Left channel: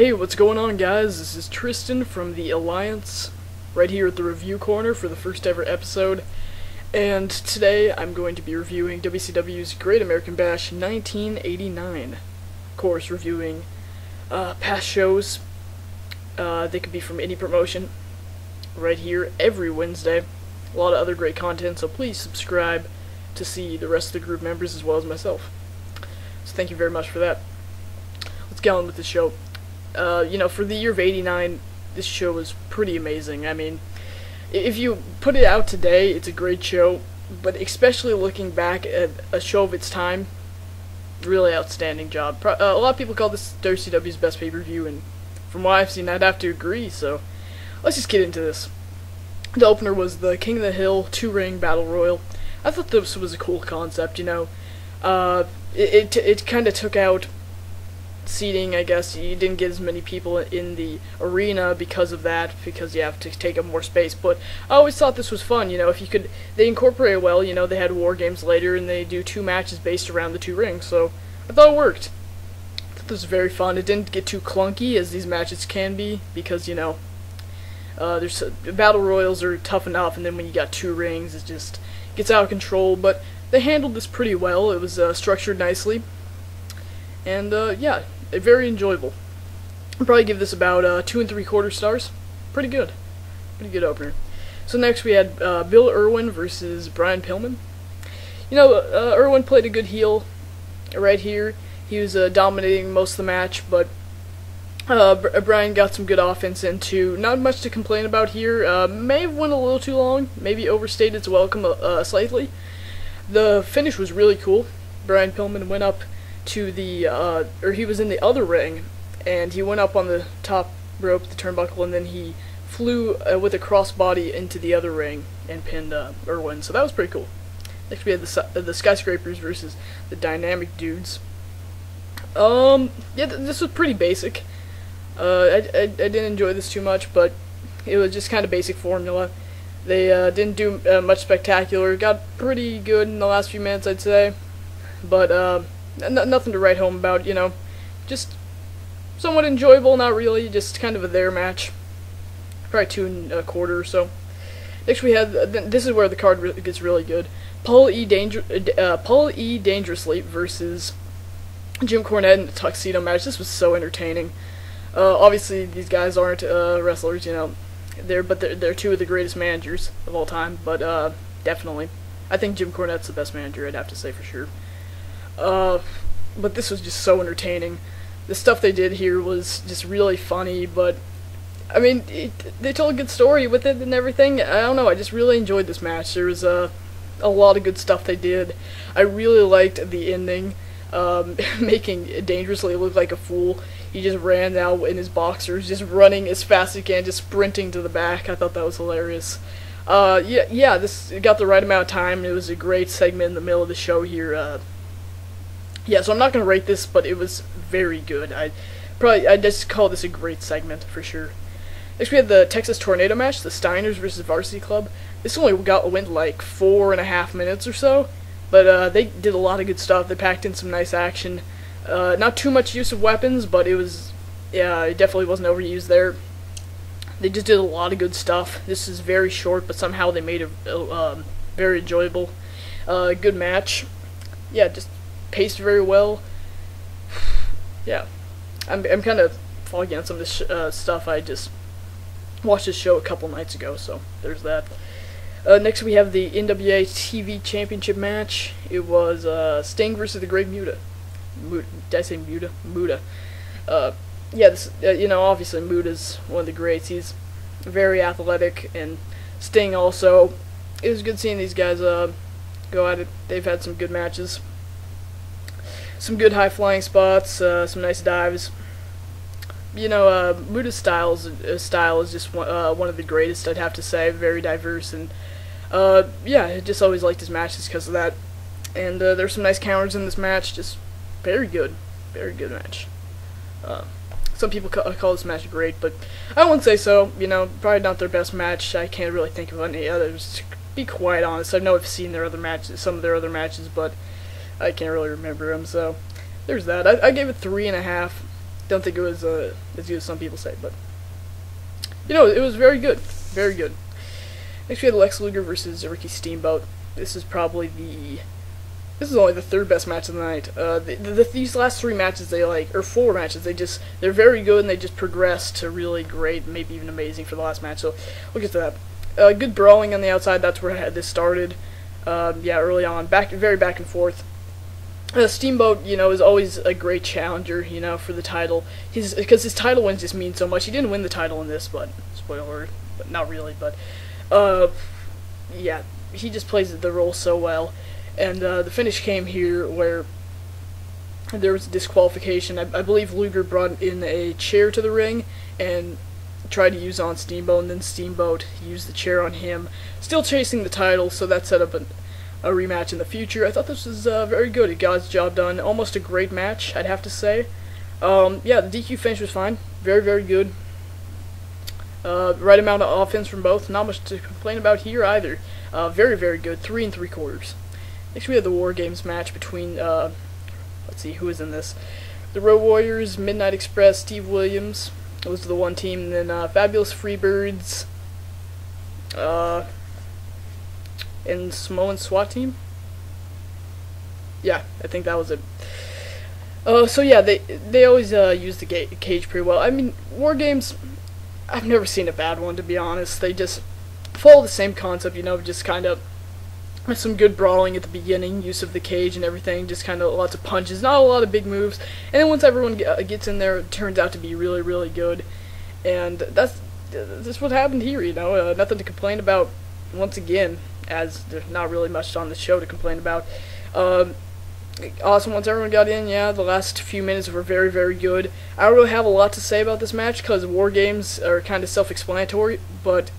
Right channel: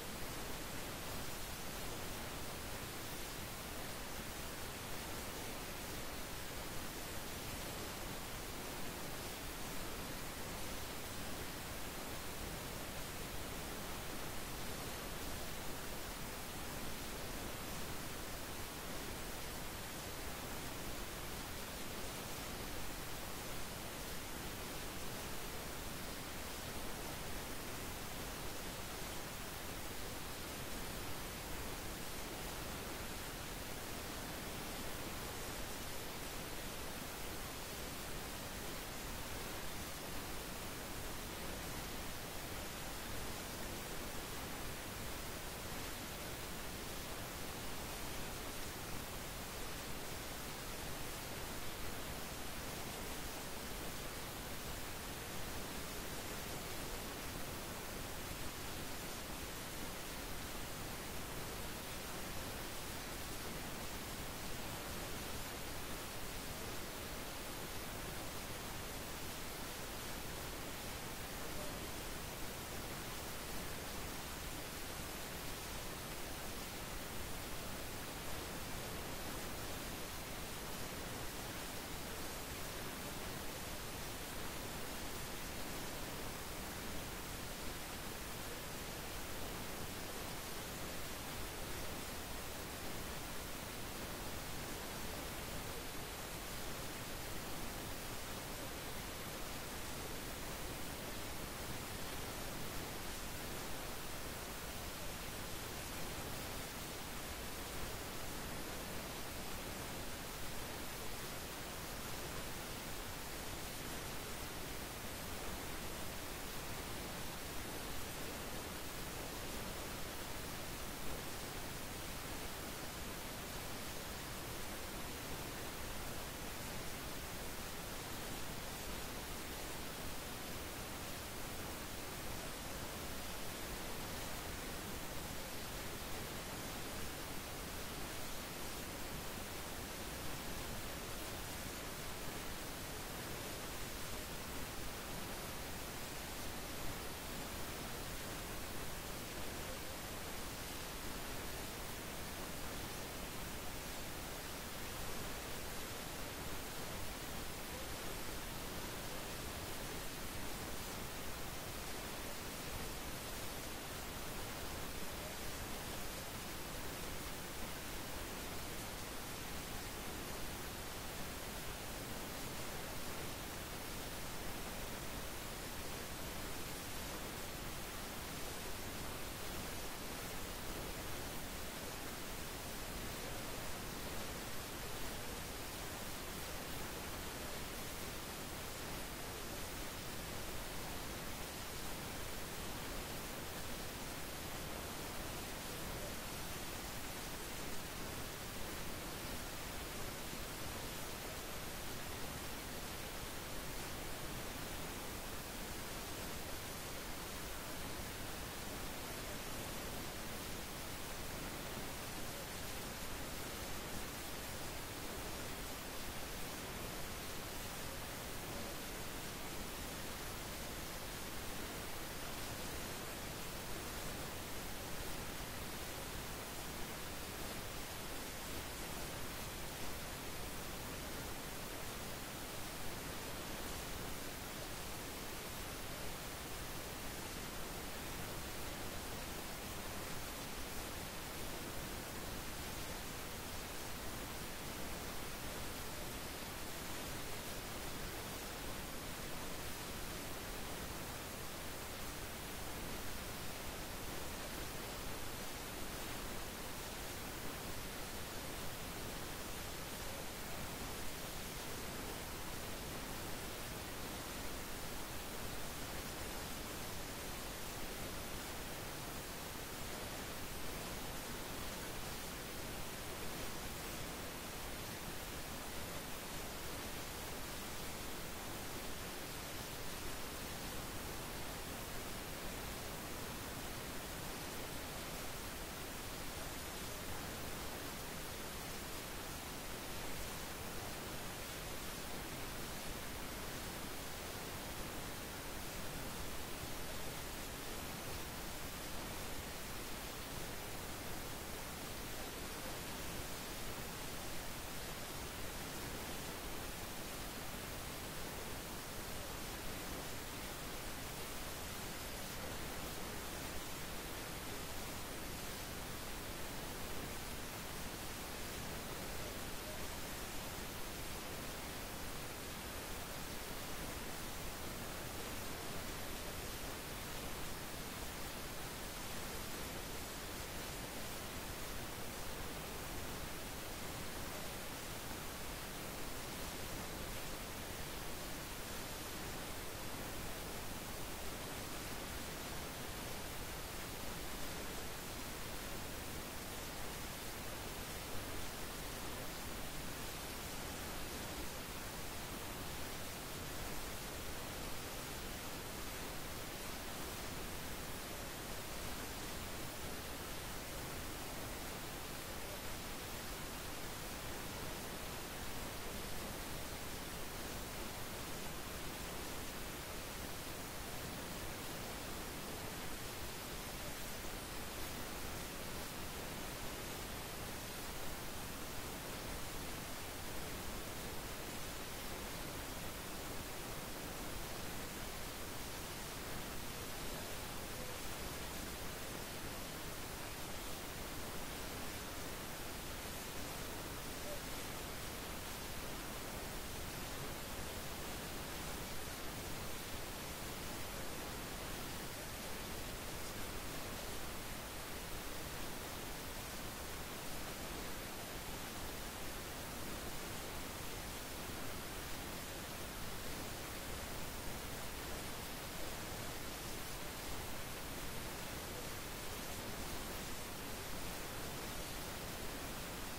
Hey, what's going on, guys? This is Tristan from the Alliance, right here at the review corner for the first ever episode. And today I'm going to be reviewing WCW's Great American Bash 1989. Of course, reviewing past shows. They could be from any promotion, right here every Wednesday. A lot of other great content, so please subscribe to see the rest of the group members as well as myself. So thank you very much for that. Let's get on with the show. For the year of '89, this show was pretty amazing. I mean, if you put it out today, it's a great show, but especially looking back at a show of its time, really outstanding job. A lot of people call this WCW's best pay-per-view, and from what I've seen, I'd have to agree, so let's just get into this. The opener was the King of the Hill 2-ring battle royal. I thought this was a cool concept, It kind of took out seating, I guess. You didn't get as many people in the arena because of that, because you have to take up more space, but I always thought this was fun, if you could, they incorporate it well, they had WarGames later, and they do 2 matches based around the 2 rings, so I thought it worked. I thought this was very fun. It didn't get too clunky, as these matches can be, because, the battle royals are tough enough, and then when you got 2 rings, it just gets out of control, but they handled this pretty well. It was structured nicely, and very enjoyable. I'd probably give this about 2 3/4 stars. Pretty good opener. So next we had Bill Irwin versus Brian Pillman. Irwin played a good heel right here. He was dominating most of the match, but Brian got some good offense into. Not much to complain about here. May have went a little too long. Maybe overstayed its welcome slightly. The finish was really cool. Brian Pillman went up to the, he was in the other ring, and he went up on the top rope, the turnbuckle, and then he flew with a crossbody into the other ring and pinned Irwin. So that was pretty cool. Next we had the Skyscrapers versus the Dynamic Dudes. This was pretty basic. I didn't enjoy this too much, but it was just kind of basic formula. They didn't do much spectacular. Got pretty good in the last few minutes, I'd say, but nothing to write home about. Just somewhat enjoyable. Not really, just kind of a there match. Probably 2 1/4 or so. Next we had this is where the card gets really good. Paul E. Dangerously versus Jim Cornette in the Tuxedo Match. This was so entertaining. Obviously, these guys aren't wrestlers, they're 2 of the greatest managers of all time, but definitely. I think Jim Cornette's the best manager, I'd have to say for sure. But this was just so entertaining. The stuff they did here was just really funny, but, I mean, they told a good story with it and everything. I don't know, I just really enjoyed this match. There was a lot of good stuff they did. I really liked the ending, making Dangerously look like a fool. He just ran out in his boxers, just running as fast as he can, just sprinting to the back. I thought that was hilarious. This got the right amount of time. It was a great segment in the middle of the show here. So I'm not going to rate this, but it was very good. I'd just call this a great segment for sure. Next we had the Texas Tornado Match, the Steiners versus Varsity Club. This only went like 4.5 minutes or so, but they did a lot of good stuff. They packed in some nice action. Not too much use of weapons, but it definitely wasn't overused there. They just did a lot of good stuff. This is very short, but somehow they made it very enjoyable. Good match. Just paced very well. I'm kind of fogging on some of this stuff. I just watched this show a couple nights ago, so there's that. Next we have the NWA TV Championship match. It was Sting versus the Great Muta. Did I say Muta? Muta. Obviously Muta's one of the greats. He's very athletic, and Sting also. It was good seeing these guys go at it. They've had some good matches. Some good high-flying spots, some nice dives. Muta's style is just one of the greatest, I'd have to say. Very diverse, and I just always liked his matches because of that. And there's some nice counters in this match. Just very good match. Some people call this match great, but I wouldn't say so. Probably not their best match. I can't really think of any others. To be quite honest, I know I've seen some of their other matches, but I can't really remember them. So there's that. I gave it 3.5. Don't think it was as good as some people say, but you know, it was very good, very good. Next we had Lex Luger versus Ricky Steamboat. This is probably this is only the third best match of the night. These last 3 matches, or 4 matches, they're very good, and they just progress to really great, maybe even amazing for the last match. So we'll get to that. Good brawling on the outside. That's where this started. Yeah, early on, very back and forth. Steamboat, you know, is always a great challenger, you know, for the title. Because his title wins just mean so much. He didn't win the title in this, but spoiler alert, but not really. But yeah, he just plays the role so well. And the finish came here where there was a disqualification. I believe Luger brought in a chair to the ring and tried to use on Steamboat, and then Steamboat used the chair on him. Still chasing the title, so that set up a rematch in the future. I thought this was very good. It got its job done. Almost a great match, I'd have to say. Yeah, the DQ finish was fine. Very, very good. Right amount of offense from both. Not much to complain about here either. Very, very good. 3 3/4. Next we have the WarGames match between, let's see, who is in this? The Road Warriors, Midnight Express, Steve Williams. Those are the one team. And then Fabulous Freebirds, and Samoan SWAT team. Yeah, I think that was it. So yeah, they always use the cage pretty well. I mean, WarGames, I've never seen a bad one, to be honest. They just follow the same concept, you know, just kind of some good brawling at the beginning, use of the cage and everything, just kind of lots of punches, not a lot of big moves. And then once everyone gets in there, it turns out to be really, really good. And that's what happened here, you know. Nothing to complain about once again, as there's not really much on the show to complain about. Awesome, once everyone got in, yeah, the last few minutes were very, very good. I don't really have a lot to say about this match, because WarGames are kind of self-explanatory, but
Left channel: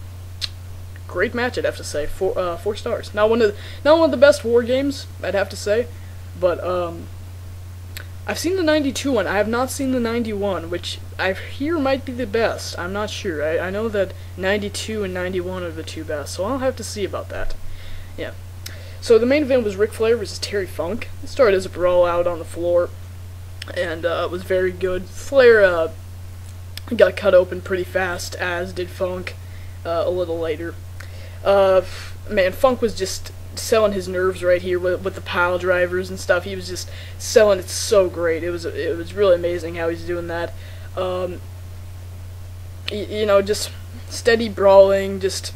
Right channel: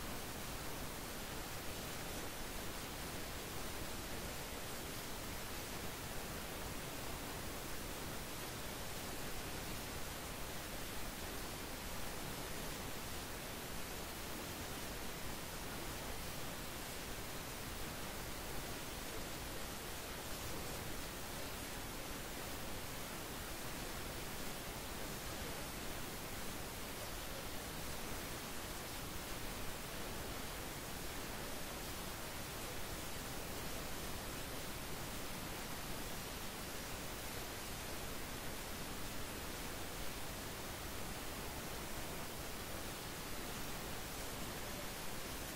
great match, I'd have to say. 4 stars. Not one of the best WarGames, I'd have to say, but I've seen the 92 one. I have not seen the 91, which I hear might be the best. I'm not sure. I know that 92 and 91 are the 2 best, so I'll have to see about that. Yeah. So the main event was Ric Flair versus Terry Funk. It started as a brawl out on the floor, and it was very good. Flair got cut open pretty fast, as did Funk a little later. Man, Funk was just selling his nerves right here with the pile drivers and stuff. He was just selling it so great. It was really amazing how he's doing that. You know, just steady brawling, just,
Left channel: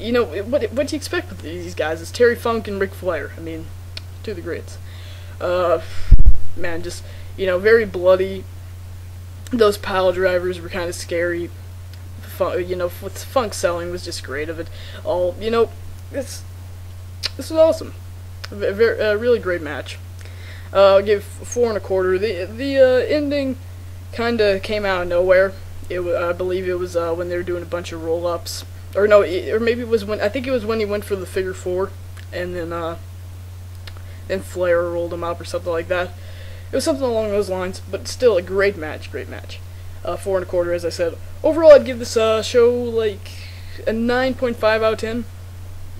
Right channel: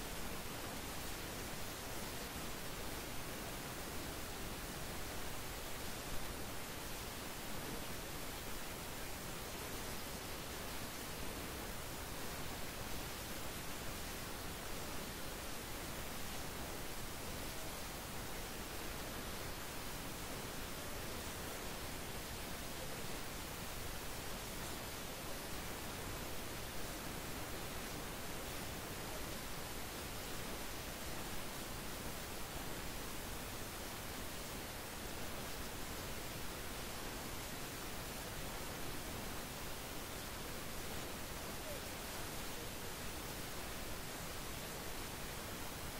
you know, what do you expect with these guys? It's Terry Funk and Ric Flair. I mean, 2 of the greats. Man, just, you know, very bloody. Those pile drivers were kind of scary. You know, what Funk selling was just great of it all. You know, this was awesome. A really great match. I'll give 4 1/4. The ending kind of came out of nowhere. I believe it was when they were doing a bunch of roll-ups, or no, or maybe it was when, I think it was when he went for the figure 4, and then Flair rolled him up or something like that. It was something along those lines, but still a great match, great match. 4 1/4, as I said. Overall, I'd give this show like a 9.5 out of 10.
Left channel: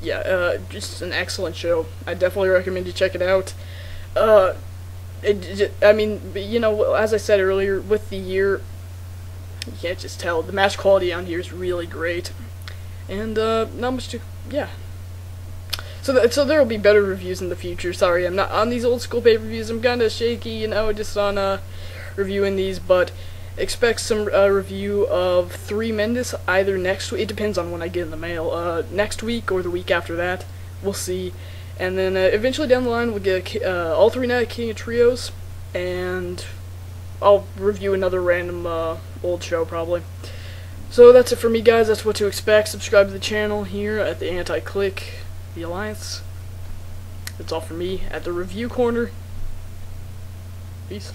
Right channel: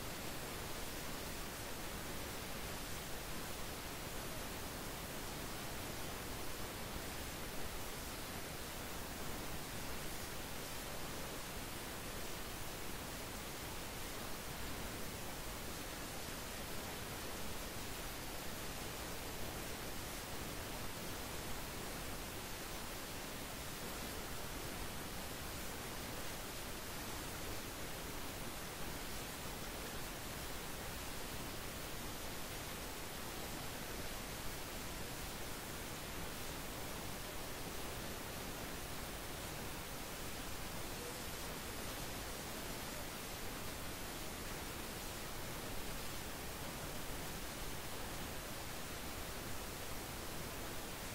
Yeah, just an excellent show. I definitely recommend you check it out. I mean, you know, as I said earlier, with the year, you can't just tell. The match quality on here is really great, and not much to, yeah. So there will be better reviews in the future. Sorry, I'm not on these old school pay-per-views. I'm kind of shaky, you know, just on reviewing these, but expect some review of 3 Mendes either next week. It depends on when I get in the mail. Next week or the week after that. We'll see. And then eventually down the line we'll get all 3 Night King of Trios, and I'll review another random old show probably. So that's it for me, guys. That's what to expect. Subscribe to the channel here at the Anti-Click, the Alliance. That's all for me at the Review Corner. Peace.